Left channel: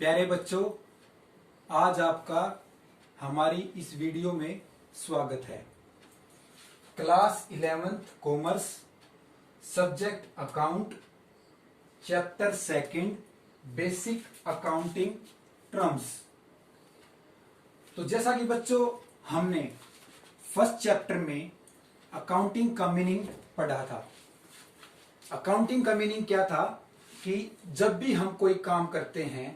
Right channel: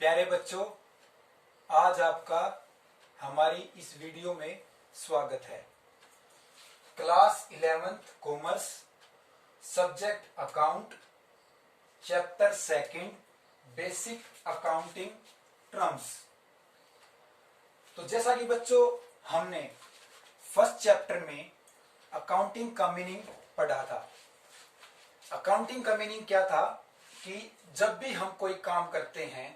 प्यारे बच्चों, आज आपका हमारी इस वीडियो में स्वागत है। Class 11th commerce, subject account, chapter 2 basic accounting terms. तो जैसा कि बच्चों हमने फर्स्ट चैप्टर में अकाउंटिंग का मीनिंग पढ़ा था। अकाउंटिंग का मीनिंग क्या था कि जब भी हम कोई काम करते हैं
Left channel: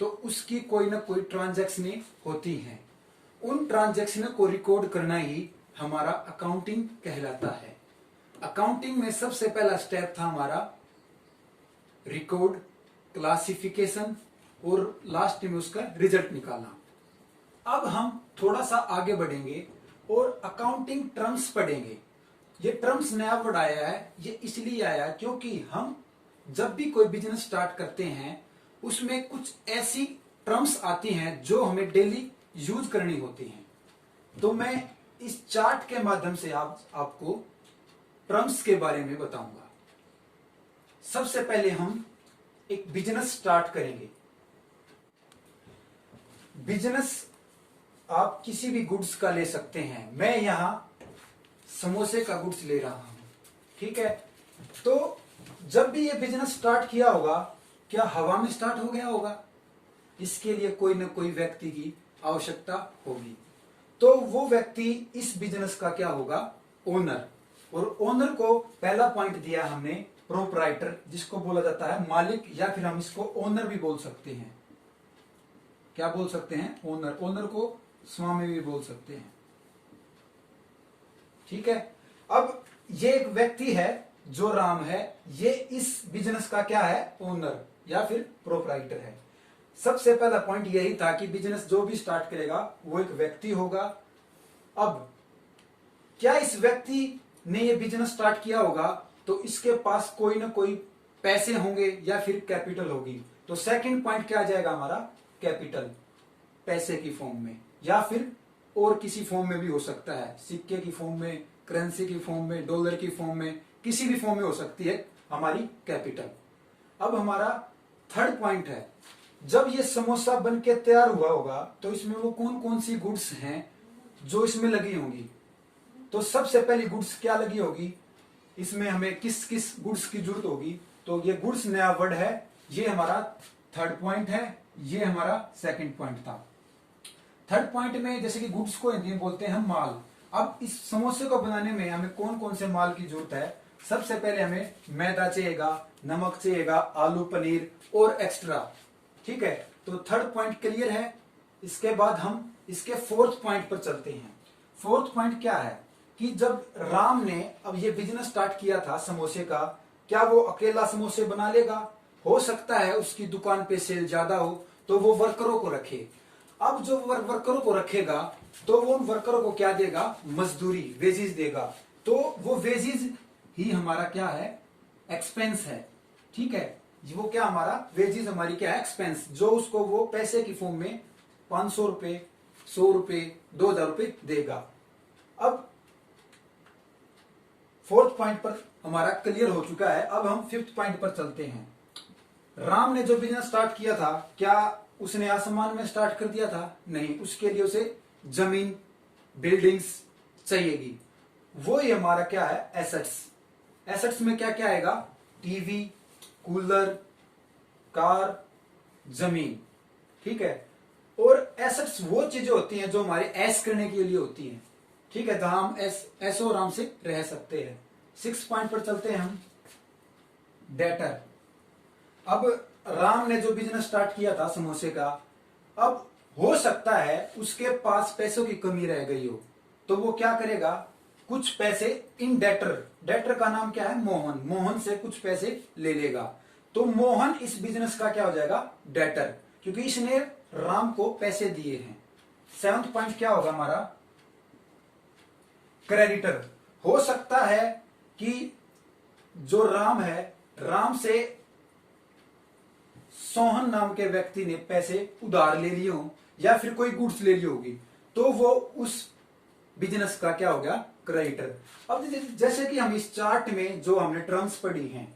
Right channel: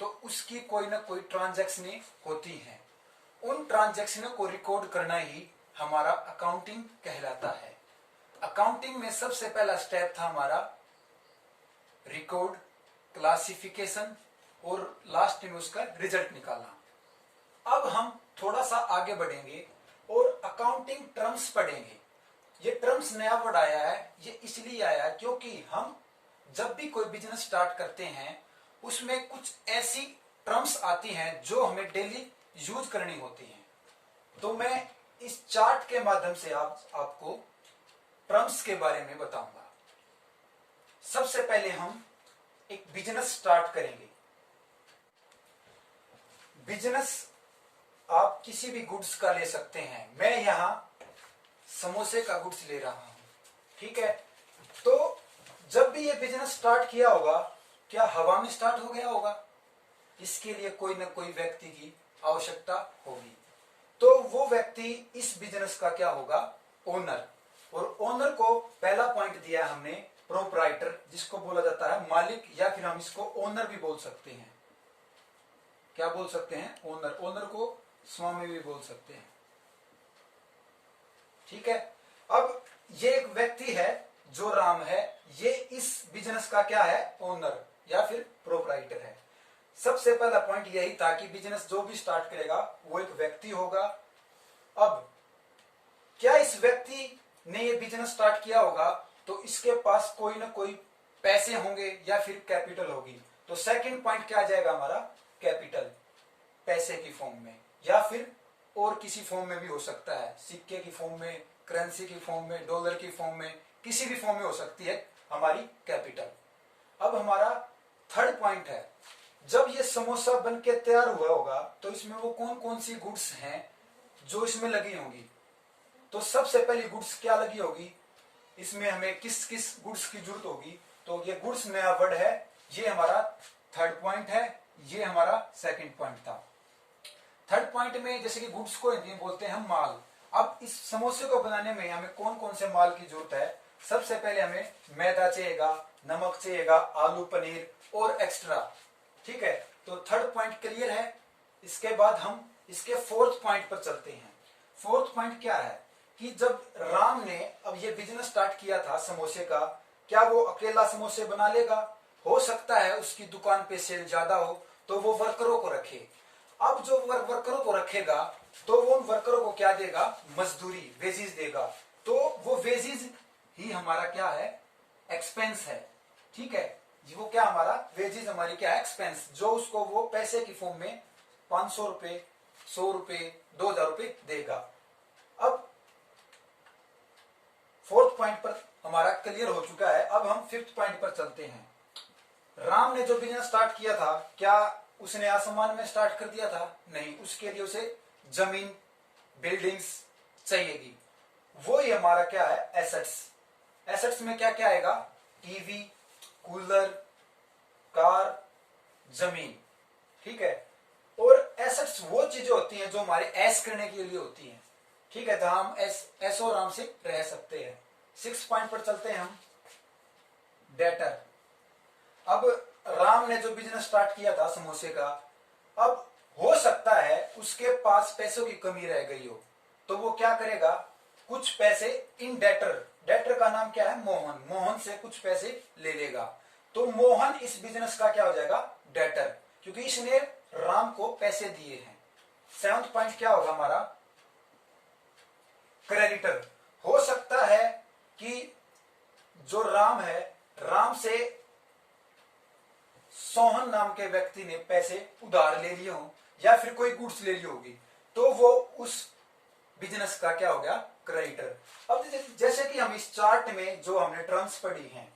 तो उसकी कोई ना कोई ट्रांजैक्शनें होती हैं। उन ट्रांजैक्शनों को रिकॉर्ड करना ही हमारा अकाउंटिंग कहलाता है। अकाउंटिंग में सबसे पहला स्टेप था हमारा रिकॉर्ड, क्लासिफिकेशन और लास्ट में उसका रिजल्ट निकालना। अब हम थोड़ा सा आगे बढ़ेंगे और अकाउंटिंग टर्म्स पढ़ेंगे। ये टर्म्स नया वर्ड आया है, ये इसलिए आया है क्योंकि हम जब भी कोई बिजनेस स्टार्ट करते हैं उसमें कुछ ऐसी टर्म्स आती हैं जो हमें डेली यूज करनी होती हैं। तो मैं इस चार्ट के माध्यम से आपको टर्म्स के बारे में बताऊंगा। सबसे पहले हम एक बिजनेस स्टार्ट करेंगे। बिजनेस आप किसी भी गुड्स का ले सकते हैं। मैं यहां समोसे का गुड्स ले रहा हूं, ठीक है। तो जब भी ये बिजनेस स्टार्ट किया होगा, क्या हवा में स्टार्ट हो गया होगा? इसके लिए कोई ना कोई व्यक्ति की आवश्यकता होगी। तो वो व्यक्ति इस बिजनेस का क्या होगा? ओनर। और ओनर को पहला पॉइंट दिया हमने प्रोप्राइटर, जिसको बोला जाता है मालिक, या फिर हम इसको ओनर भी बोल सकते हैं। क्या बोल सकते हैं? ओनर। ओनर को स्वामी भी बोल सकते हैं, ठीक है। अब ये एक व्यक्ति है जो राम है, ये इस बिजनेस का क्या है? ओनर या फिर प्रोप्राइटर है। सबसे पहला पॉइंट यही था कि बिजनेस जो भी स्टार्ट करेगा वो एक व्यक्ति होगा। अब क्या इस व्यक्ति ने ये बिजनेस स्टार्ट किया होगा तो इसके पास कोई ना कोई पैसे होंगे या फिर कैपिटल होगी। तो सेकंड पॉइंट क्या आ जाएगा हमारा? कैपिटल, पैसे की फॉर्म में या फिर और किसी फॉर्म में भी हो सकता है, सिक्के की फॉर्म में, करेंसी की फॉर्म में, डॉलर की फॉर्म में, किसी भी फॉर्म में हो सकती है हमारी कैपिटल। अब हमारा थर्ड पॉइंट है, जब ये समोसा बन के तैयार हुआ होगा तो इसमें वो कौन कौन सी गुड्स हैं जो इसमें लगी होंगी। तो सबसे पहली गुड्स क्या लगी होगी, इसमें हमें किस किस गुड्स की जरूरत होगी। तो ये गुड्स नया वर्ड है, ये हमारा थर्ड पॉइंट है, ये हमारा सेकंड पॉइंट था। थर्ड पॉइंट में जैसे कि गुड्स को हिंदी में बोलते हैं हम माल। अब इस समोसे को बनाने में हमें कौन कौन से माल की जरूरत है? सबसे पहले हमें मैदा चाहिएगा, नमक चाहिएगा, आलू, पनीर और एक्स्ट्रा, ठीक है। तो थर्ड पॉइंट क्लियर है। इसके बाद हम इसके फोर्थ पॉइंट पर चलते हैं। फोर्थ पॉइंट क्या है कि जब राम ने अब ये बिजनेस स्टार्ट किया था समोसे का, क्या वो अकेला समोसे बना लेगा? हो सकता है उसकी दुकान पे सेल ज्यादा हो तो वो वर्करों को रखे। अब जो वर्करों को रखेगा तो वो उन वर्करों को क्या देगा? मजदूरी, वेजेस देगा। तो वो वेजेस ही हमारा क्या है? एक्सपेंस है, ठीक है। वो क्या हमारा? वेजेस हमारी क्या है? एक्सपेंस, जो उसको वो पैसे की फॉर्म में 500 रुपए, 100 रुपए, 2000 रुपए देगा। अब फोर्थ पॉइंट पर हमारा क्लियर हो चुका है। अब हम फिफ्थ पॉइंट पर चलते हैं। राम ने जो बिजनेस स्टार्ट किया था, क्या उसने आसमान में स्टार्ट कर दिया था? नहीं, उसके लिए उसे जमीन, बिल्डिंग्स चाहिएगी। वो ही हमारा क्या है? एसेट्स। एसेट्स में क्या क्या आएगा? टीवी, कूलर, कार, जमीन, ठीक है। और एसेट्स वो चीजें होती हैं जो हमारे ऐश करने के लिए होती हैं, ठीक है, जहां हम ऐशो आराम से रह सकते हैं। 6 पॉइंट पर चलते हैं हम, डेटर। अब राम ने जो बिजनेस स्टार्ट किया था समोसे का, अब हो सकता है उसके पास पैसों की कमी रह गई हो, तो वो क्या करेगा? कुछ पैसे इन डेटर, डेटर का नाम क्या है? मोहन। मोहन से कुछ पैसे ले लेगा। तो मोहन इस बिजनेस का क्या हो जाएगा? डेटर, क्योंकि इसने राम को पैसे दिए हैं। 7th पॉइंट क्या होगा हमारा? क्रेडिटर। हो सकता है कि जो राम है, राम से सोहन नाम के व्यक्ति ने पैसे उधार ले लिए हो या फिर कोई गुड्स ले ली होगी, तो वो उस बिजनेस का क्या हो गया? क्रेडिटर। अब जैसे कि हम इस चार्ट में जो हमने टर्म्स पढ़ी हैं,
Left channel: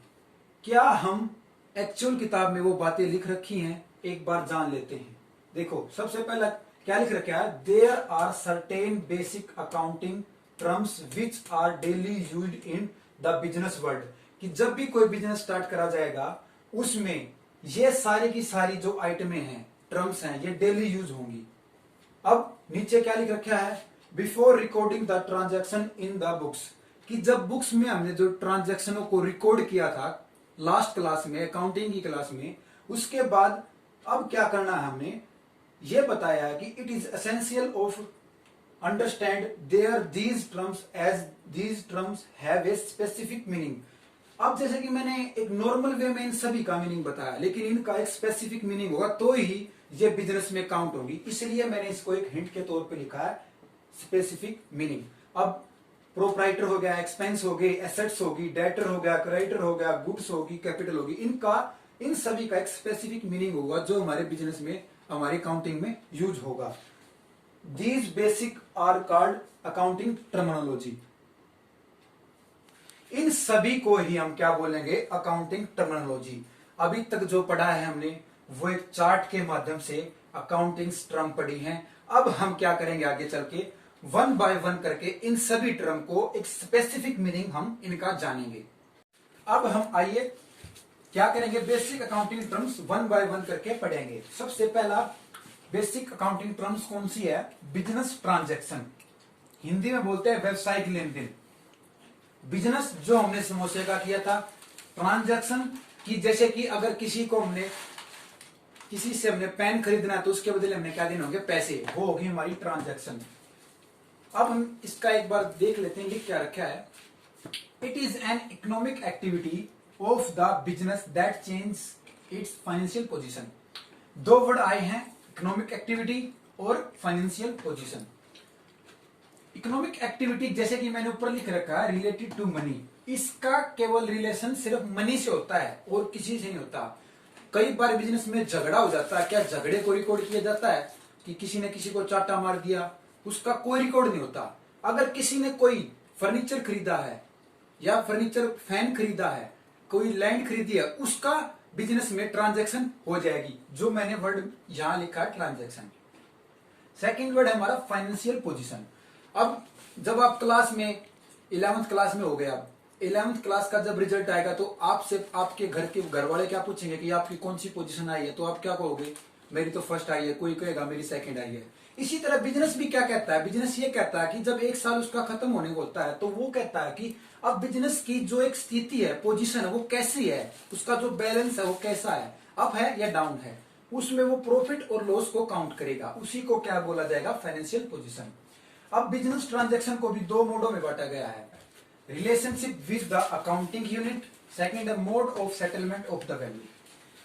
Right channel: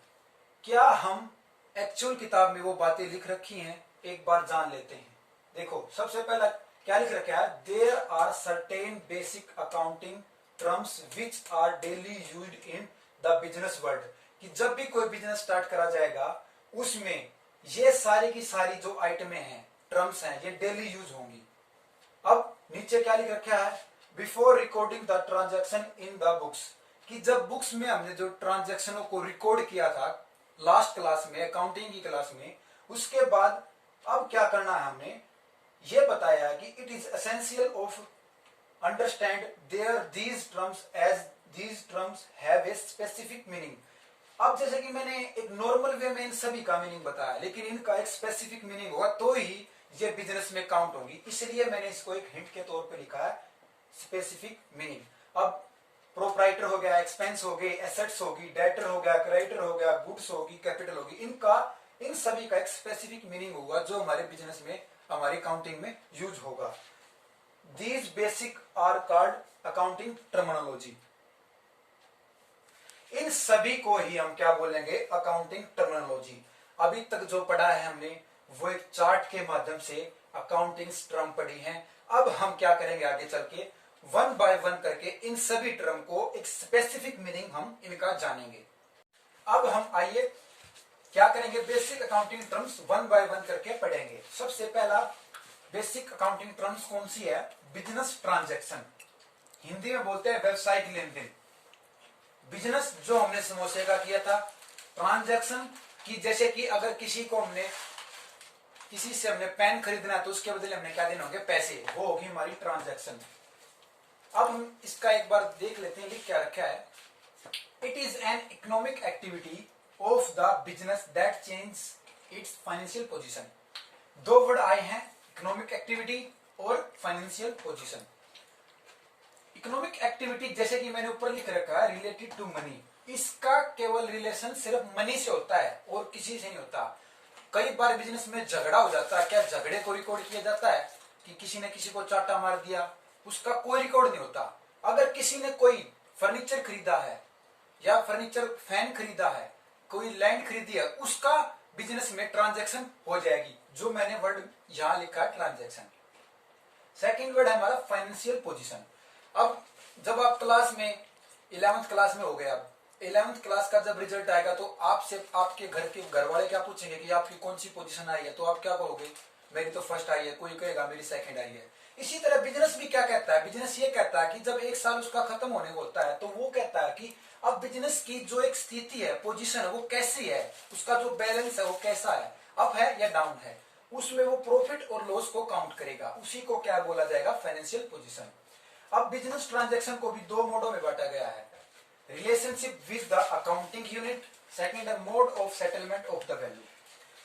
क्या हम एक्चुअल किताब में वो बातें लिख रखी हैं, एक बार जान लेते हैं। देखो सबसे पहला क्या लिख रखा है, there are certain basic accounting terms which are daily used in the business world, कि जब भी कोई बिजनेस स्टार्ट करा जाएगा उसमें ये सारी की सारी जो आइटमें हैं, टर्म्स हैं, ये डेली यूज होंगी। अब नीचे क्या लिख रखा है, before recording the transaction in the books, कि जब बुक्स में हमने जो ट्रांजैक्शनों को रिकॉर्ड किया था लास्ट क्लास में, अकाउंटिंग की क्लास में, उसके बाद अब क्या करना है, हमने ये बताया है कि it is essential of understand there these terms as these terms have a specific meaning. अब जैसे कि मैंने एक नॉर्मल वे में इन सभी का मीनिंग बताया, लेकिन इनका एक स्पेसिफिक मीनिंग होगा तो ही ये बिजनेस में काउंट होगी, इसलिए मैंने इसको एक हिंट के तौर पे लिखा है स्पेसिफिक मीनिंग। अब प्रोप्राइटर हो गया, एक्सपेंस हो गई, एसेट्स होगी, डेटर हो गया, क्रेडिटर हो गया, गुड्स होगी, कैपिटल होगी, इन सभी का एक स्पेसिफिक मीनिंग होगा जो हमारे बिजनेस में, हमारी अकाउंटिंग में यूज होगा। These basic are called accounting terminology. इन सभी को ही हम क्या बोलेंगे, अकाउंटिंग टर्मिनोलॉजी। अभी तक जो पढ़ा है हमने वो एक चार्ट के माध्यम से अकाउंटिंग टर्म पढ़ी हैं। अब हम क्या करेंगे, आगे चल के वन बाय वन करके इन सभी टर्म को एक स्पेसिफिक मीनिंग हम इनका जानेंगे। अब हम आइए क्या करेंगे, basic accounting terms one by one करके पढ़ेंगे। सबसे पहला बेसिक अकाउंटिंग टर्म्स कौन सी है, बिजनेस ट्रांजैक्शन, हिंदी में बोलते हैं व्यवसायिक लेन देन। बिजनेस जो हमने समोसे का किया था, ट्रांजैक्शन की जैसे कि अगर किसी से हमने पेन खरीदना है तो उसके बदले हमने क्या देने होंगे, पैसे, वो होगी हमारी ट्रांजैक्शन। अब हम इसका एक बार देख लेते हैं, लिख क्या रखा है, it is an economic activity of the business that change it's financial position. दो वर्ड आए हैं, इकोनॉमिक एक्टिविटी और फाइनेंशियल पोजीशन। इकोनॉमिक एक्टिविटी जैसे कि मैंने ऊपर लिख रखा है रिलेटेड टू मनी, इसका केवल रिलेशन सिर्फ मनी से होता है और किसी से नहीं होता। कई बार बिजनेस में झगड़ा हो जाता है, क्या झगड़े को रिकॉर्ड किया जाता है कि किसी ने किसी को चाटा मार दिया, उसका कोई रिकॉर्ड नहीं होता। अगर किसी ने कोई फर्नीचर खरीदा है या फर्नीचर फैन खरीदा है, कोई लैंड खरीदी है, उसका बिजनेस में ट्रांजैक्शन हो जाएगी, जो मैंने वर्ड यहां लिखा है ट्रांजैक्शन। सेकंड वर्ड है हमारा फाइनेंशियल पोजीशन। अब जब आप क्लास में 11th क्लास में हो गए, अब 11th क्लास का जब रिजल्ट आएगा तो आपसे आपके घर वाले क्या पूछेंगे कि आपकी कौन सी पोजीशन आई है, तो आप क्या कहोगे, मेरी तो फर्स्ट आई है, कोई कहेगा मेरी सेकंड आई है। इसी तरह बिजनेस भी क्या कहता है, बिजनेस ये कहता है कि जब एक साल उसका खत्म होने को होता है तो वो कहता है कि अब बिजनेस की जो एक स्थिति है, पोजीशन है, वो कैसी है, उसका जो बैलेंस है वो कैसा है, अप है या डाउन है, उसमें वो प्रॉफिट और लॉस को काउंट करेगा, उसी को क्या बोला जाएगा, फाइनेंशियल पोजीशन। अब बिजनेस ट्रांजैक्शन को भी दो मोडों में बांटा गया है, relationship with the accounting unit, second है mode of settlement of the value.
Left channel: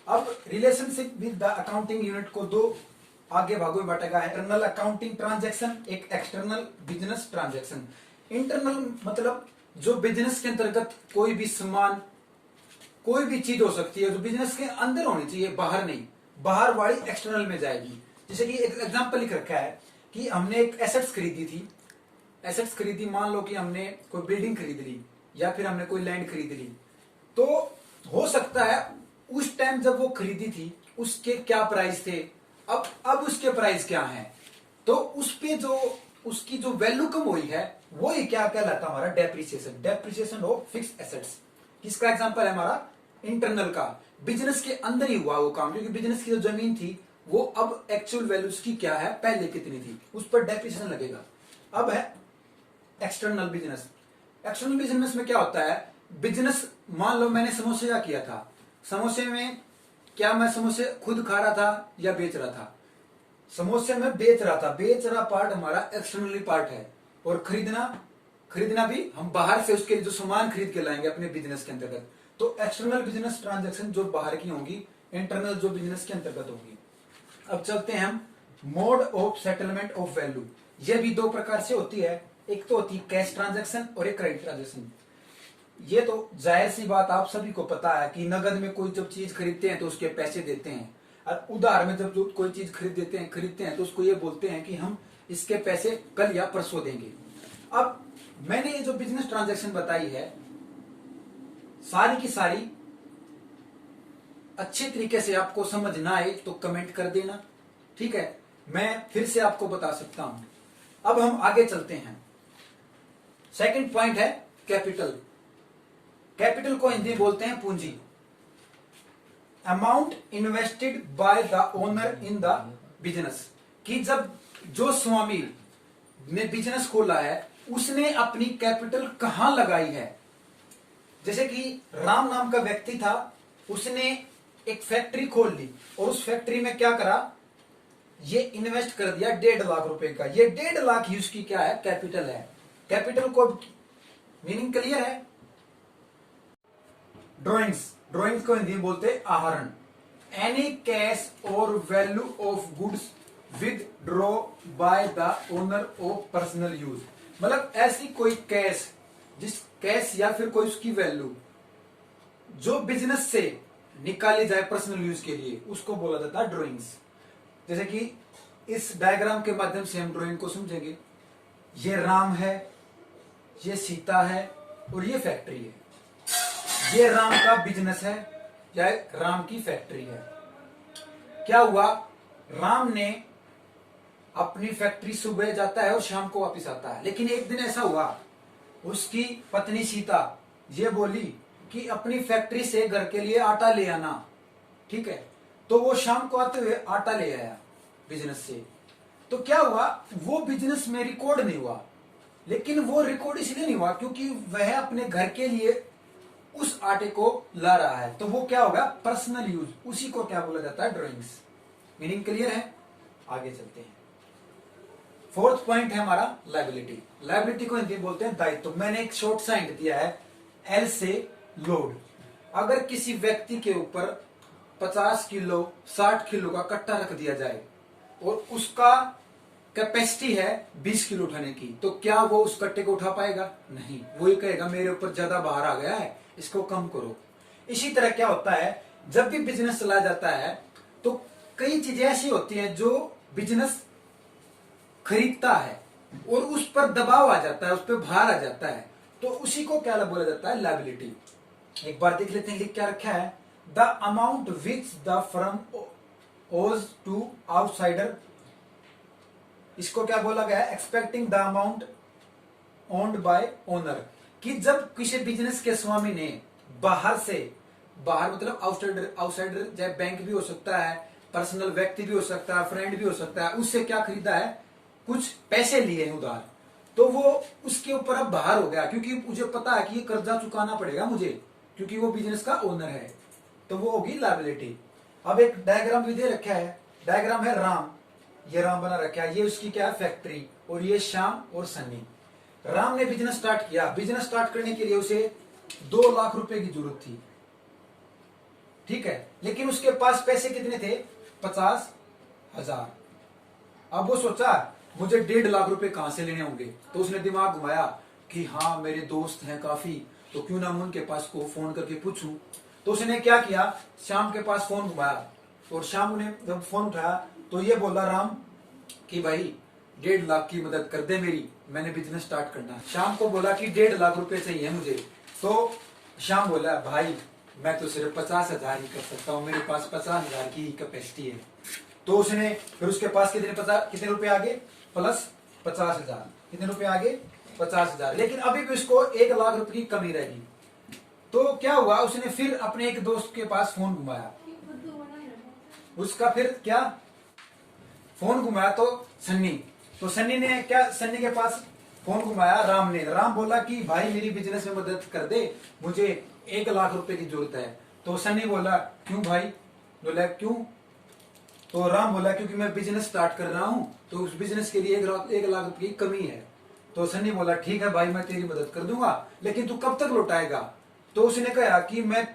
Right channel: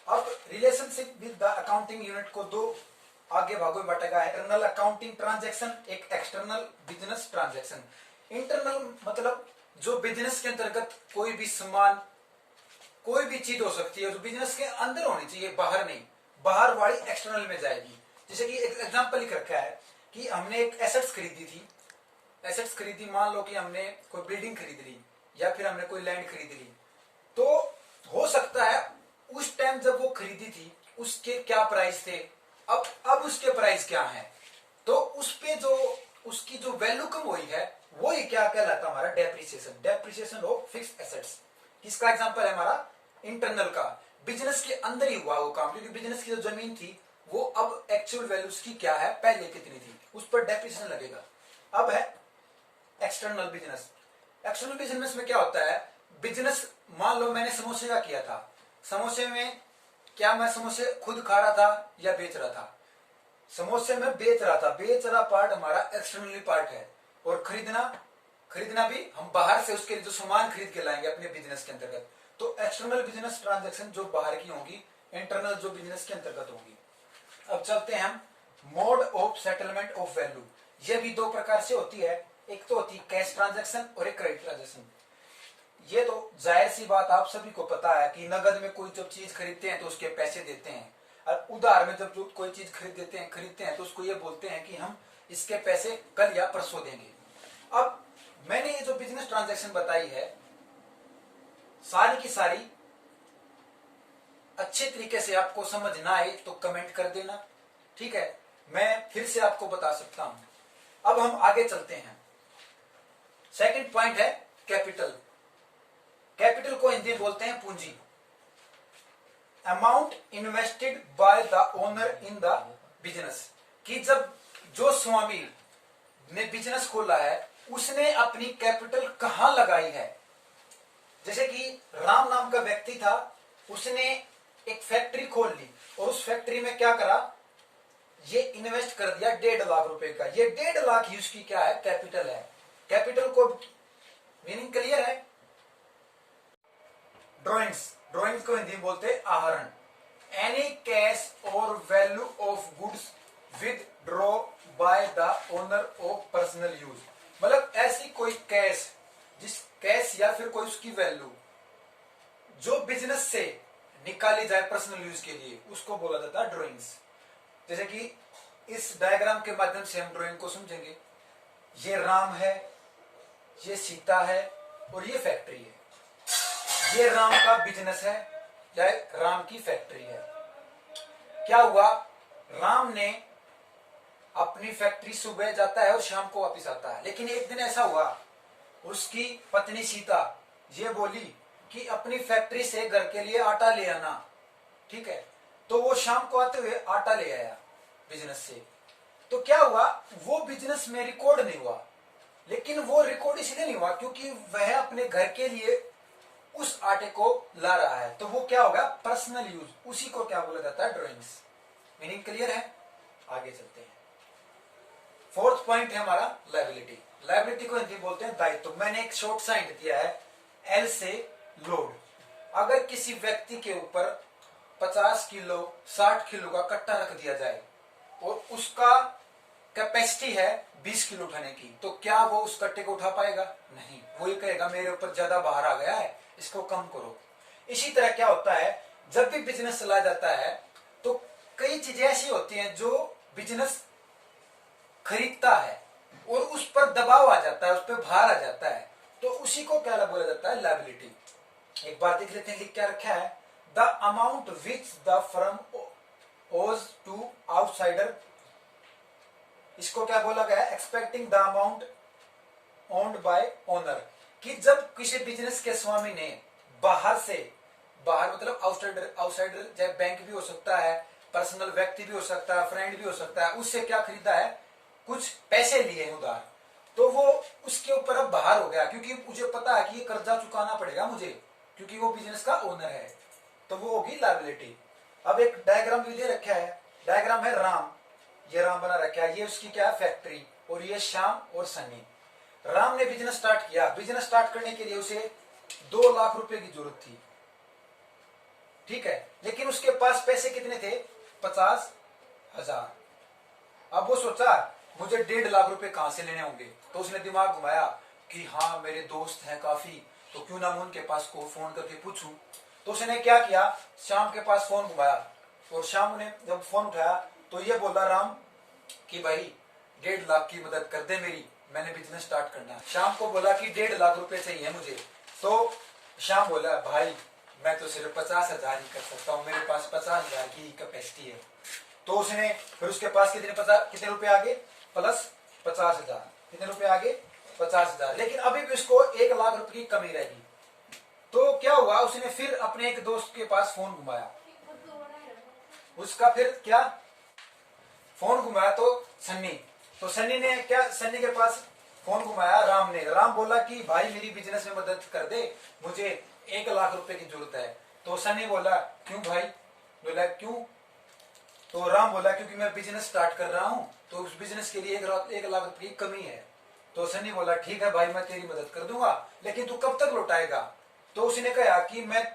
अब relationship with the accounting unit को दो आगे भागों में बांटा गया है, इंटरनल अकाउंटिंग ट्रांजैक्शन, एक एक्सटर्नल बिजनेस ट्रांजैक्शन। इंटरनल मतलब जो बिजनेस के अंतर्गत कोई भी सामान, कोई भी चीज हो सकती है जो बिजनेस के अंदर होनी चाहिए, बाहर नहीं, बाहर वाली एक्सटर्नल में जाएगी। जैसे कि एक एग्जांपल लिख रखा है कि हमने एक एसेट्स खरीदी थी, एसेट्स खरीदी, मान लो कि हमने कोई बिल्डिंग खरीद ली या फिर हमने कोई लैंड खरीद ली, तो हो सकता है उस टाइम जब वो खरीदी थी उसके क्या प्राइस थे, अब उसके प्राइस क्या हैं, तो उस पे जो उसकी जो वैल्यू कम हुई है वो ही क्या कहलाता है, हमारा depreciation, depreciation of fixed assets. किसका एग्जांपल है, हमारा इंटरनल का, बिजनेस के अंदर ही हुआ वो काम, क्योंकि बिजनेस की जो जमीन थी वो अब एक्चुअल वैल्यू उसकी क्या है, पहले कितनी थी, उस पर डेप्रिसिएशन लगेगा। अब है एक्सटर्नल बिजनेस। एक्सटर्नल बिजनेस में क्या होता है, बिजनेस मान लो मैंने समोसे का किया था, समोसे में क्या मैं समोसे खुद खा रहा था या बेच रहा था, समोसे में बेच रहा था, बेच रहा पार्ट हमारा एक्सटर्नली पार्ट है, और खरीदना भी हम बाहर से उसके लिए जो सामान खरीद के लाएंगे अपने बिजनेस के अंतर्गत, तो एक्सटर्नल बिजनेस ट्रांजैक्शन जो बाहर की होंगी, इंटरनल जो बिजनेस के अंतर्गत होंगी। अब चलते हैं हम mode of settlement of value. यह भी दो प्रकार से होती है, एक तो होती है कैश ट्रांजैक्शन और एक क्रेडिट ट्रांजैक्शन। ये तो जाहिर सी बात आप सभी को पता है कि नगद में कोई जब चीज खरीदते हैं तो उसके पैसे देते हैं, और उधार में जब कोई चीज खरीदते हैं तो उसको ये बोलते हैं कि हम इसके पैसे कल या परसों देंगे। अब मैंने ये जो बिजनेस ट्रांजैक्शन बताई है सारी की सारी अच्छे तरीके से आपको समझ ना आए तो कमेंट कर देना, ठीक है, मैं फिर से आपको बता सकता हूं। अब हम आगे चलते हैं। सेकंड पॉइंट है कैपिटल। कैपिटल को हिंदी में बोलते हैं पूंजी। Amount invested by the owner in the business, कि जब जो स्वामी ने बिजनेस खोला है उसने अपनी कैपिटल कहां लगाई है। जैसे कि राम नाम का व्यक्ति था, उसने एक फैक्ट्री खोल ली और उस फैक्ट्री में क्या करा, ये इन्वेस्ट कर दिया 1.5 लाख रुपए का। ये 1.5 लाख ही उसकी क्या है, कैपिटल है। कैपिटल को मीनिंग क्लियर है। ड्रॉइंग्स, ड्रॉइंग्स को हिंदी में बोलते हैं आहरण। एनी कैश और value of goods with draw by the owner of personal use, मतलब ऐसी कोई कैश, जिस कैश या फिर कोई उसकी वैल्यू जो बिजनेस से निकाली जाए पर्सनल यूज के लिए, उसको बोला जाता है ड्रॉइंग्स। जैसे कि इस डायग्राम के माध्यम से हम ड्राइंग को समझेंगे। ये राम है, ये सीता है और ये फैक्ट्री है। ये राम का बिजनेस है या राम की फैक्ट्री है। क्या हुआ, राम ने अपनी फैक्ट्री सुबह जाता है और शाम को वापस आता है, लेकिन एक दिन ऐसा हुआ उसकी पत्नी सीता ये बोली कि अपनी फैक्ट्री से घर के लिए आटा ले आना, ठीक है। तो वो शाम को आते हुए आटा ले आया बिजनेस से। तो क्या हुआ, वो बिजनेस में रिकॉर्ड नहीं हुआ, लेकिन वो रिकॉर्ड इसलिए नहीं हुआ क्योंकि वह अपने घर के लिए उस आटे को ला रहा है। तो वो क्या होगा, पर्सनल यूज, उसी को क्या बोला जाता है, ड्राइंग्स। मीनिंग क्लियर है, आगे चलते हैं। फोर्थ पॉइंट है हमारा लायबिलिटी। लायबिलिटी को हिंदी बोलते हैं दायित्व। मैंने एक शॉर्ट सा हिंट दिया है, एल से लोड। अगर किसी व्यक्ति के ऊपर 50 किलो 60 किलो का कट्टा रख दिया जाए और उसका कैपेसिटी है 20 किलो उठाने की, तो क्या वो उस कट्टे को उठा पाएगा? नहीं, वो ही कहेगा मेरे ऊपर ज्यादा भार आ गया है, इसको कम करो। इसी तरह क्या होता है, जब भी बिजनेस चलाया जाता है तो कई चीजें ऐसी होती हैं जो बिजनेस खरीदता है और उस पर दबाव आ जाता है, उस पर भार आ जाता है, तो उसी को क्या बोला जाता है, लायबिलिटी। एक बार देख लेते हैं, लिख क्या रखा है, the amount which the firm ओज टू आउटसाइडर। इसको क्या बोला गया है, expecting the amount owned by owner, कि जब किसी बिजनेस के स्वामी ने बाहर से, बाहर मतलब आउटसाइडर, आउटसाइडर चाहे बैंक भी हो सकता है, पर्सनल व्यक्ति भी हो सकता है, फ्रेंड भी हो सकता है, उससे क्या खरीदा है, कुछ पैसे लिए हैं उधार, तो वो उसके ऊपर अब बाहर हो गया, क्योंकि मुझे पता है कि ये कर्जा चुकाना पड़ेगा मुझे, क्योंकि वो बिजनेस का ओनर है, तो वो होगी लायबिलिटी। अब एक डायग्राम भी दे रखा है, डायग्राम है राम, ये राम बना रखा है, ये उसकी क्या है, फैक्ट्री, और ये श्याम और सन्नी। राम ने बिजनेस स्टार्ट किया, बिजनेस स्टार्ट करने के लिए उसे 2 लाख रुपए की जरूरत थी, ठीक है, लेकिन उसके पास पैसे कितने थे, 50,000। अब वो सोचा मुझे 1.5 लाख रुपए कहां से लेने होंगे, तो उसने दिमाग घुमाया कि हाँ मेरे दोस्त हैं काफी, तो क्यों ना मैं उनके पास को फोन करके पूछूं। तो उसने क्या किया, श्याम के पास फोन घुमाया, और श्याम ने जब फोन उठाया तो ये बोला राम कि भाई 1.5 लाख की मदद कर दे मेरी, मैंने बिजनेस स्टार्ट करना है। श्याम को बोला कि 1.5 लाख रुपए चाहिए मुझे, तो श्याम बोला भाई मैं तो सिर्फ 50,000 ही कर सकता हूँ, मेरे पास 50,000 की कैपेसिटी है। तो उसने फिर उसके पास कितने रुपए आगे, प्लस 50,000, कितने रुपए आगे, 50,000, लेकिन अभी भी उसको 1 लाख रुपए की कमी रहेगी। तो क्या हुआ, उसने फिर अपने एक दोस्त के पास फोन घुमाया, उसका फिर क्या फोन घुमाया, तो सन्नी ने क्या, सन्नी के पास फोन घुमाया राम ने। राम बोला कि भाई मेरी बिजनेस में मदद कर दे, मुझे 1 लाख रुपए की जरूरत है। तो सन्नी बोला क्यों भाई, बोला क्यों, तो राम बोला क्योंकि मैं बिजनेस स्टार्ट कर रहा हूं, तो उस बिजनेस के लिए 1 लाख रुपए की कमी है। तो सन्नी बोला ठीक है भाई मैं तेरी मदद कर दूंगा, लेकिन तू कब तक लौटाएगा। तो उसने कहा कि मैं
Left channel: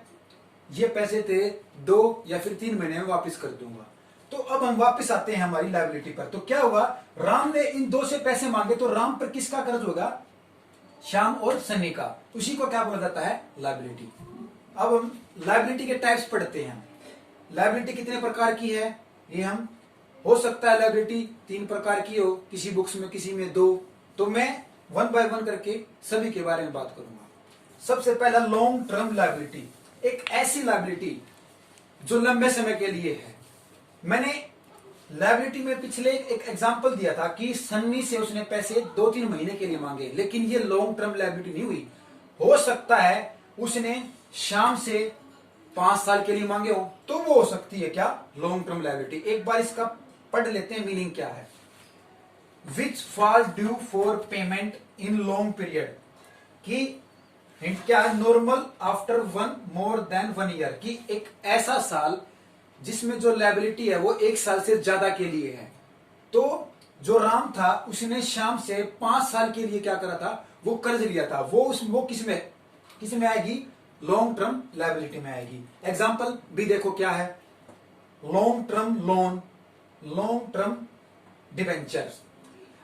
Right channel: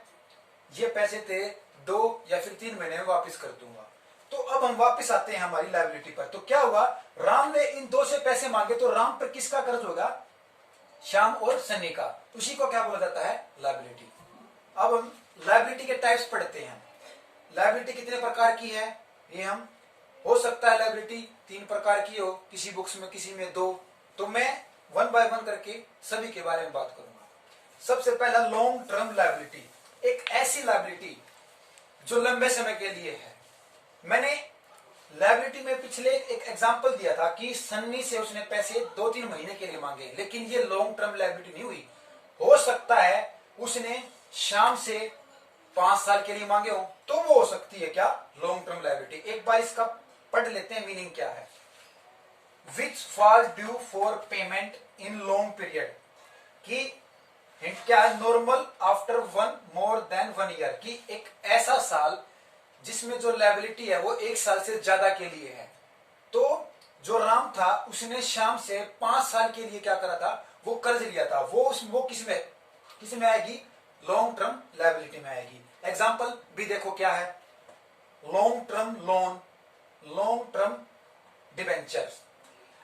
ये पैसे थे 2 या फिर 3 महीने में वापस कर दूंगा। तो अब हम वापस आते हैं हमारी लायबिलिटी पर। तो क्या हुआ, राम ने इन 2 से पैसे मांगे, तो राम पर किसका कर्ज होगा, श्याम और सन्नी का, उसी को क्या बोला जाता है, लायबिलिटी। अब हम लायबिलिटी के टाइप्स पढ़ते हैं। लायबिलिटी कितने प्रकार की है, ये हम, हो सकता है लायबिलिटी 3 प्रकार की हो, किसी बुक्स में किसी में 2, तो मैं 1 बाय 1 करके सभी के बारे में बात करूंगा। सबसे पहला लॉन्ग टर्म लायबिलिटी, एक ऐसी लायबिलिटी जो लंबे समय के लिए है। मैंने लायबिलिटी में पिछले एक एग्जांपल दिया था कि सन्नी से उसने पैसे 2-3 महीने के लिए मांगे, लेकिन ये लॉन्ग टर्म लायबिलिटी नहीं हुई। हो सकता है उसने श्याम से 5 साल के लिए मांगे हो, तो वो हो सकती है क्या, लॉन्ग टर्म लायबिलिटी। एक बार इसका पढ़ लेते हैं मीनिंग क्या है। विच fall due for payment in long period, कि हिंट क्या है, normal after one more than 1 year, कि एक ऐसा साल जिसमें जो लायबिलिटी है वो 1 साल से ज्यादा के लिए है। तो जो राम था उसने श्याम से 5 साल के लिए क्या करा था, वो कर्ज लिया था। वो किस में आएगी, लॉन्ग टर्म लायबिलिटी में आएगी। एग्जाम्पल भी देखो क्या है, long term loan, long term debentures.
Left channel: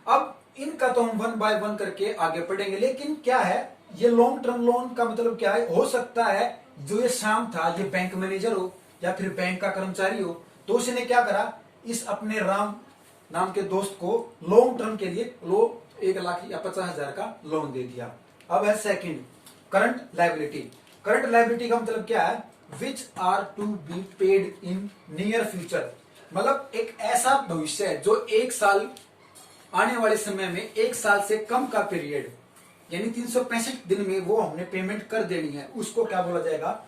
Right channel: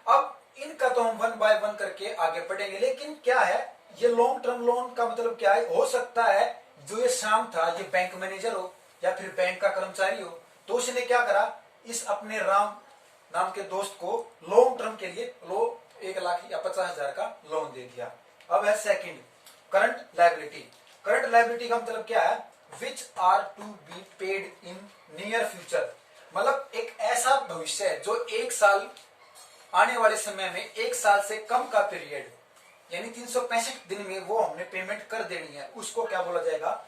अब इनका तो हम 1 बाय 1 करके आगे पढ़ेंगे, लेकिन क्या है ये लॉन्ग टर्म लोन का मतलब क्या है। हो सकता है जो ये श्याम था ये बैंक मैनेजर हो या फिर बैंक का कर्मचारी हो, तो उसने क्या करा, इस अपने राम नाम के दोस्त को लॉन्ग टर्म के लिए 1 लाख या 50,000 का लोन दे दिया। अब है second, current liability. Current liability का मतलब क्या है, which are to be paid in near future, मतलब एक ऐसा भविष्य है जो 1 साल आने वाले समय में 1 साल से कम का पीरियड, यानी 365 दिन में वो हमने पेमेंट कर देनी है, उसको क्या बोला जाएगा,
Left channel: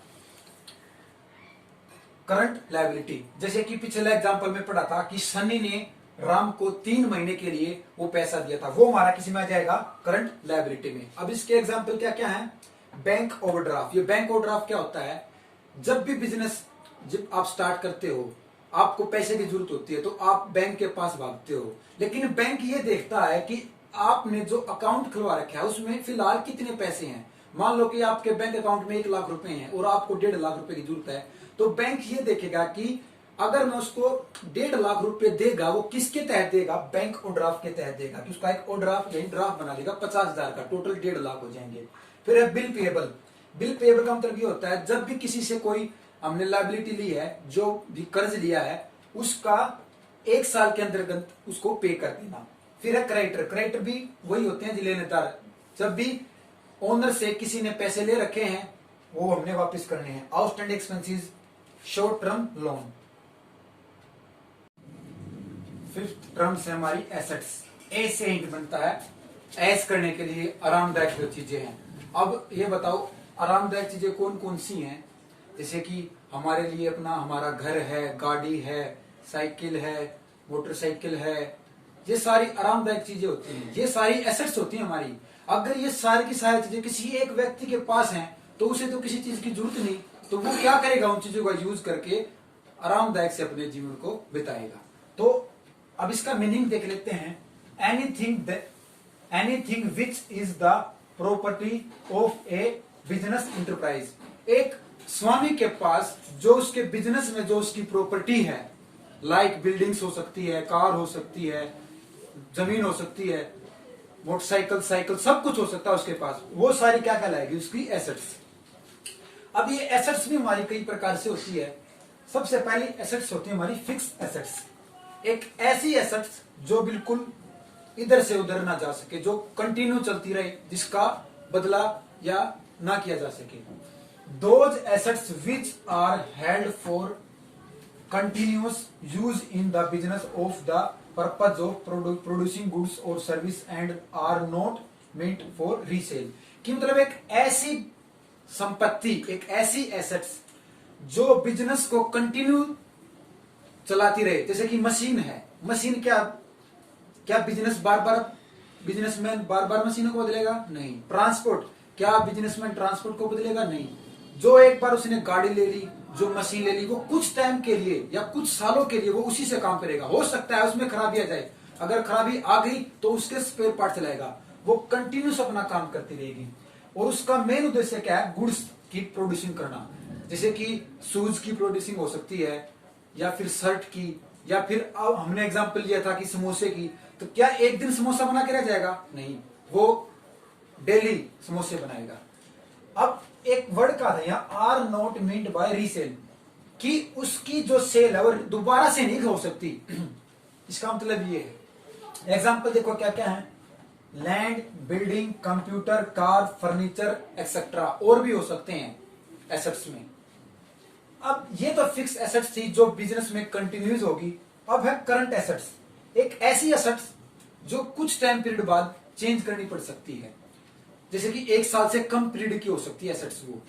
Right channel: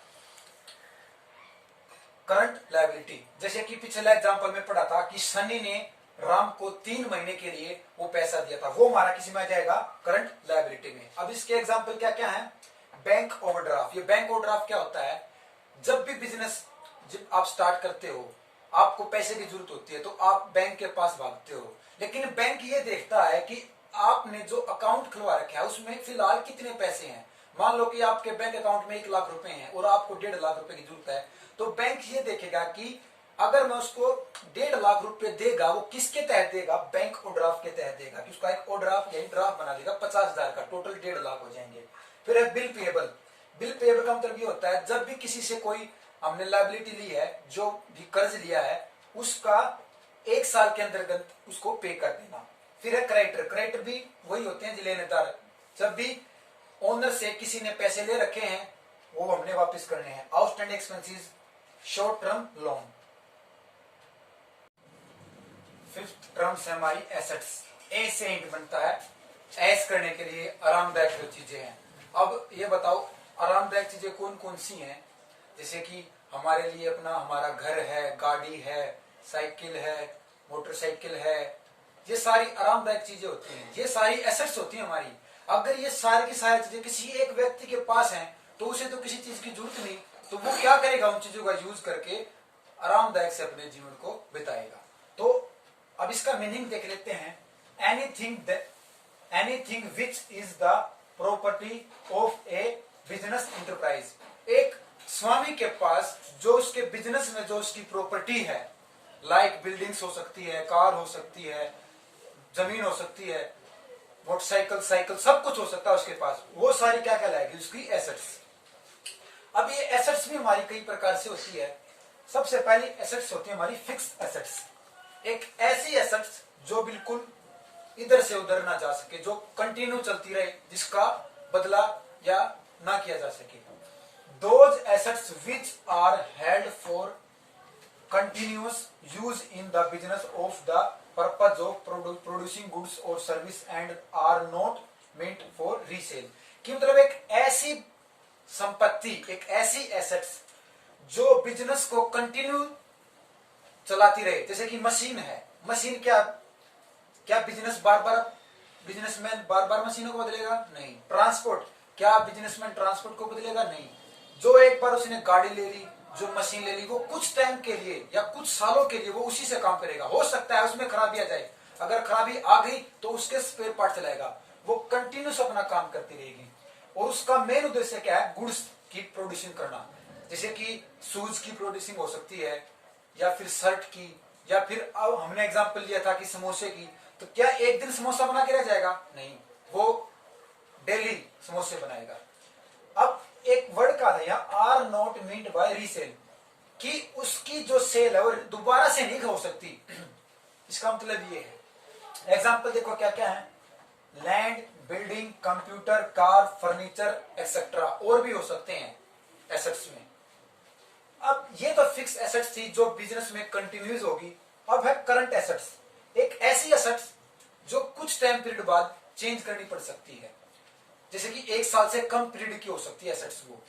करंट लायबिलिटी। जैसे कि पिछले एग्जांपल में पढ़ा था कि सनी ने राम को 3 महीने के लिए वो पैसा दिया था, वो हमारा किसी में आ जाएगा, करंट लायबिलिटी में। अब इसके एग्जांपल क्या क्या है, बैंक ओवरड्राफ्ट। ये बैंक ओवरड्राफ्ट क्या होता है, जब भी बिजनेस जब आप स्टार्ट करते हो, आपको पैसे की जरूरत होती है तो आप बैंक के पास भागते हो, लेकिन बैंक ये देखता है कि आपने जो अकाउंट खुलवा रखा है उसमें फिलहाल कितने पैसे हैं। मान लो कि आपके बैंक अकाउंट में 1 लाख रुपए हैं और आपको 1.5 लाख रुपए की जरूरत है, तो बैंक ये देखेगा कि अगर मैं उसको 1.5 लाख रुपए देगा, वो किसके तहत देगा, बैंक ओवरड्राफ्ट के तहत देगा, कि उसका एक ओवरड्राफ्ट यानी ड्राफ्ट बना देगा 50,000 का, टोटल 1.5 लाख हो जाएंगे। फिर है बिल पेएबल। बिल पेएबल का मतलब ये होता है जब भी किसी से कोई हमने लायबिलिटी ली है, जो भी कर्ज लिया है, उसका 1 साल के अंतर्गत उसको पे कर देना। फिर है क्रेडिटर। क्रेडिटर भी वही होते हैं लेनेदार, जब भी ओनर से किसी ने पैसे ले रखे हैं वो हमने वापस करने हैं। Outstanding expenses, short term loan. Fifth terms है हमारी एसेट्स। ए से इंट बनता है, ऐश करने के लिए आरामदायक जो चीजें हैं। अब ये बताओ आरामदायक चीजें कौन कौन सी हैं, जैसे कि हमारे लिए अपना हमारा घर है, गाड़ी है, साइकिल है, मोटरसाइकिल है, ये सारी आरामदायक चीजें होती हैं, ये सारी एसेट्स होती हैं हमारी। अगर ये सारी की सारी चीजें किसी एक व्यक्ति के पास हैं तो उसे तो किसी चीज की जरूरत नहीं, तो वो क्या करेगा, उन चीजों का यूज करके आरामदायक से अपने जीवन को बिताएगा। तो अब इसका मीनिंग देख लेते हैं। Anything which is the property of A business enterprise, एक स्वामी के पास जो उसके बिजनेस में जो उसकी प्रॉपर्टी है, लाइक बिल्डिंग्स हो सकती है, कार हो सकती है, जमीन हो सकती है, मोटरसाइकिल, साइकिल, सब कुछ हो सकता है उसके पास, वो सारी क्या कहलाएगी, उसकी एसेट्स। अब ये एसेट्स भी हमारी कई प्रकार से होती है। सबसे पहली एसेट्स होती है हमारी फिक्स एसेट्स, एक ऐसी एसेट्स जो बिल्कुल इधर से उधर ना जा सके, जो कंटिन्यू चलती रहे, जिसका बदला या ना किया जा सके। Those assets which are held for continuous use in the business of the purpose of producing goods or service and are not meant for resale, कि मतलब एक ऐसी संपत्ति, एक ऐसी एसेट्स जो बिजनेस को कंटिन्यू चलाती रहे, जैसे कि मशीन है। मशीन क्या बिजनेसमैन बार बार मशीनों को बदलेगा? नहीं। ट्रांसपोर्ट, क्या बिजनेसमैन ट्रांसपोर्ट को बदलेगा? नहीं। जो एक बार उसने गाड़ी ले ली, जो मशीन ले ली, वो कुछ टाइम के लिए या कुछ सालों के लिए वो उसी से काम करेगा। हो सकता है उसमें खराबी आ जाए, अगर खराबी आ गई तो उसके स्पेयर पार्ट चलाएगा, वो कंटिन्यूस अपना काम करती रहेगी। और उसका मेन उद्देश्य क्या है? गुड्स की प्रोड्यूसिंग करना, जैसे कि शूज की प्रोड्यूसिंग हो सकती है, या फिर शर्ट की, या फिर अब हमने एग्जाम्पल लिया था कि समोसे की। तो क्या एक दिन समोसा बना के रह जाएगा? नहीं, वो डेली समोसे बनाएगा। अब एक वर्ड का था यहाँ, are not meant by resale, कि उसकी जो सेल है वो दोबारा से नहीं हो सकती। इसका मतलब ये है। एग्जाम्पल देखो क्या क्या है, land, building, computer, car, furniture etcetera, और भी हो सकते हैं एसेट्स में। अब ये तो फिक्स एसेट्स थी जो बिजनेस में कंटिन्यूस होगी। अब है करंट एसेट्स, एक ऐसी एसेट्स जो कुछ टाइम पीरियड बाद चेंज करनी पड़ सकती है, जैसे कि 1 साल से कम पीरियड की हो सकती है एसेट्स। वो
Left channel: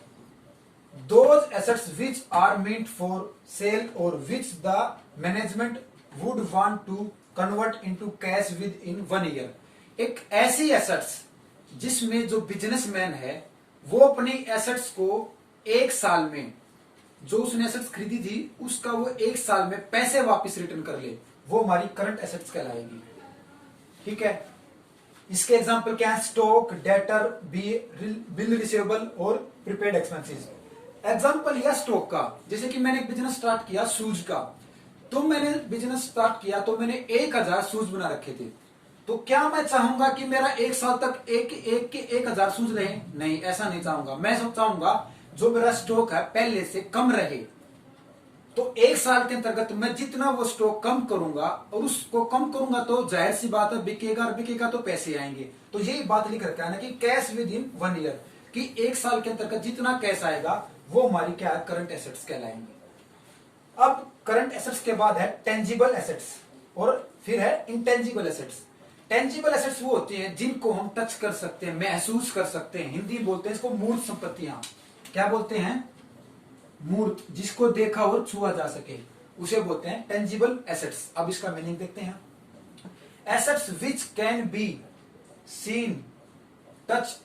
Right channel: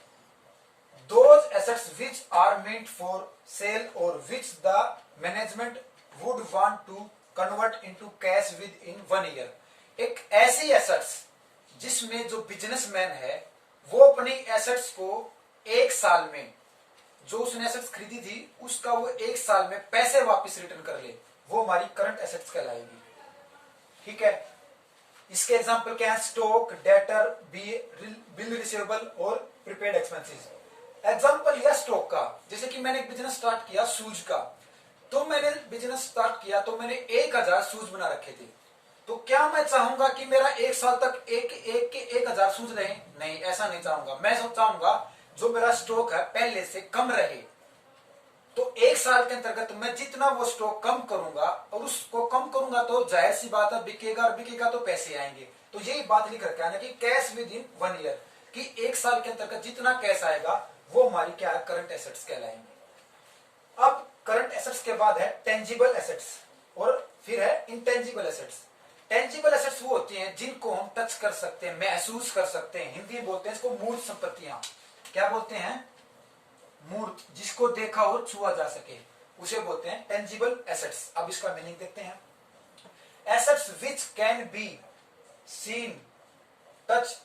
those assets which are meant for sale or which the management would want to convert into cash within 1 year। एक ऐसी एसेट्स जिसमें जो बिजनेसमैन है वो अपनी एसेट्स को 1 साल में, जो उसने एसेट्स खरीदी थी उसका वो 1 साल में पैसे वापस रिटर्न कर ले, वो हमारी करंट एसेट्स कहलाएगी। ठीक है, इसके एग्जांपल क्या है? स्टॉक, डेटर, बिल रिसीवेबल और प्रीपेड एक्सपेंसेस। एग्जांपल लिया स्टॉक का, जैसे कि मैंने एक बिजनेस स्टार्ट किया शूज का, तो मैंने बिजनेस स्टार्ट किया तो मैंने 1000 शूज बना रखे थे। तो क्या मैं चाहूंगा कि मेरा 1 साल तक एक के 1000 शूज रहे? नहीं, ऐसा नहीं चाहूंगा। मैं सब चाहूंगा जो मेरा स्टॉक है पहले से कम रहे। तो 1 साल के अंतर्गत मैं जितना वो स्टॉक कम करूंगा, और उसको कम करूंगा तो जाहिर सी बात है बिकेगा, और बिकेगा तो पैसे आएंगे। तो यही बात लिख रखा है ना कि कैश विद इन 1 ईयर, कि 1 साल के अंतर्गत जितना कैश आएगा वो हमारी क्या है? करंट एसेट्स कहलाएंगे। अब करंट एसेट्स के बाद है टेंजिबल एसेट्स और फिर है इंटेंजिबल एसेट्स। टेंजिबल एसेट्स वो होती हैं जिनको हम टच कर सकते हैं, महसूस कर सकते हैं। हिंदी में बोलते हैं इसको मूर्त संपत्तियां। क्या बोलते हैं? मूर्त, जिसको देखा और छुआ जा सके, उसे बोलते हैं टेंजिबल एसेट्स। अब इसका मीनिंग देखते हैं। Assets which can be seen, touch,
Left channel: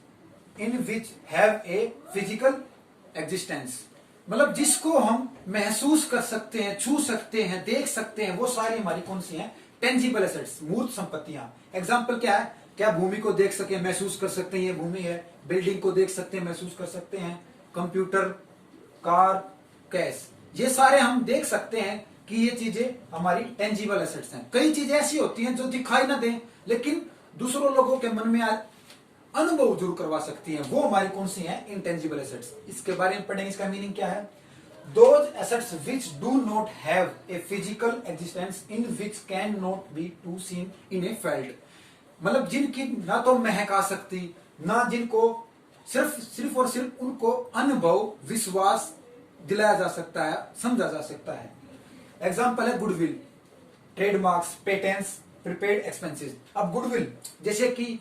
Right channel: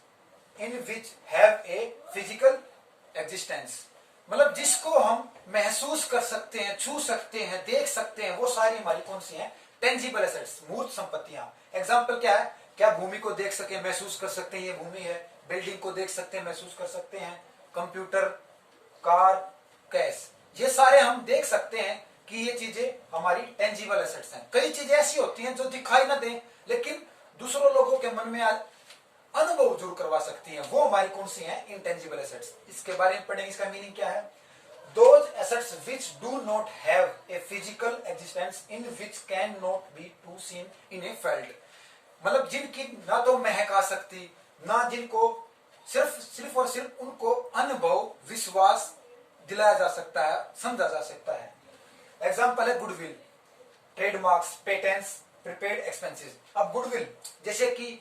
in which have a physical existence. मतलब जिसको हम महसूस कर सकते हैं, छू सकते हैं, देख सकते हैं, वो सारी हमारी कौन सी हैं? टेंजिबल एसेट्स, मूर्त संपत्तियां। एग्जांपल क्या है? क्या भूमि को देख सके, महसूस कर सकते हैं ये भूमि है। बिल्डिंग को देख सकते हैं, महसूस कर सकते हैं। कंप्यूटर, कार, कैश, ये सारे हम देख सकते हैं कि ये चीजें हमारी टेंजिबल एसेट्स हैं। कई चीजें ऐसी होती हैं जो दिखाई ना दें लेकिन दूसरों लोगों के मन में अनुभव जरूर करवा सकती हैं, वो हमारी कौन सी हैं? Intangible assets. इसके बारे में पढ़ेंगे। इसका मीनिंग क्या है? Those assets which do not have a physical existence in which can not be to seen in a felt। मतलब जिनकी ना तो महक आ सकती, ना जिनको सिर्फ और सिर्फ उनको अनुभव, विश्वास दिलाया जा सकता है, समझा जा सकता है। एग्जाम्पल है goodwill, trademarks, patents, prepaid expenses. अब गुडविल, जैसे कि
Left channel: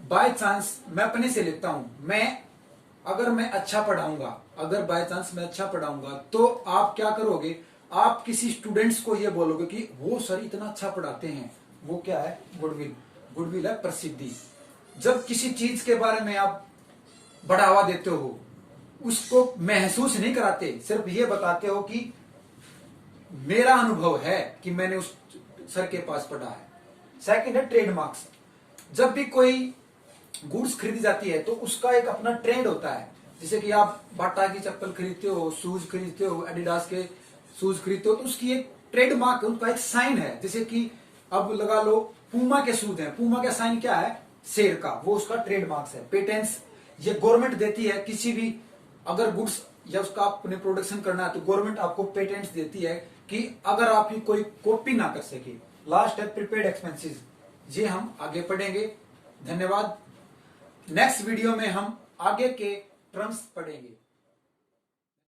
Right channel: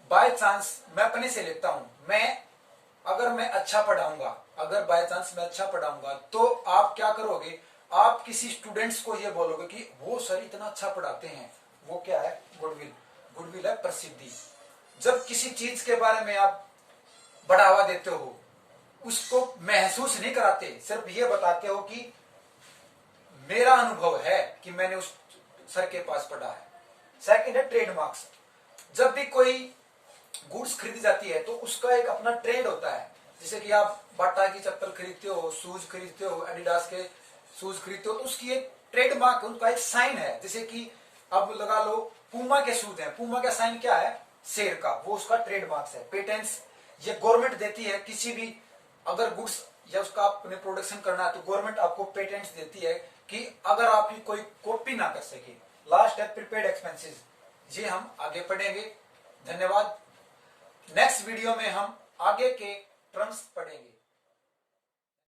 बाय चांस मैं अपने से लेता हूं, अगर मैं अच्छा पढ़ाऊंगा, अगर बाय चांस मैं अच्छा पढ़ाऊंगा तो आप क्या करोगे? आप किसी स्टूडेंट्स को ये बोलोगे कि वो सर इतना अच्छा पढ़ाते हैं। वो क्या है? गुडविल। गुडविल है प्रसिद्धि। जब किसी चीज के बारे में आप बढ़ावा देते हो, उसको महसूस नहीं कराते, सिर्फ ये बताते हो कि मेरा अनुभव है कि मैंने उस सर के पास पढ़ा है। सेकंड है ट्रेडमार्क्स। जब भी कोई गुड्स खरीदी जाती है तो उसका एक अपना ट्रेंड होता है। जैसे कि आप बाटा की चप्पल खरीदते हो, शूज खरीदते हो, एडिडास के शूज खरीदते हो, तो उसकी एक ट्रेडमार्क, उनका एक साइन है। जैसे कि अब लगा लो पूमा के शूज हैं, पूमा का साइन क्या है? शेर का, वो उसका ट्रेडमार्क है। पेटेंट्स, ये गवर्नमेंट देती है। किसी भी अगर गुड्स या उसका आपने प्रोडक्शन करना है तो गवर्नमेंट आपको पेटेंट्स देती है कि अगर आपकी कोई कॉपी ना कर सके। लास्ट है प्रीपेड एक्सपेंसेस, ये हम आगे पढ़ेंगे। धन्यवाद। नेक्स्ट वीडियो में हम आगे के टर्म्स पढ़ेंगे।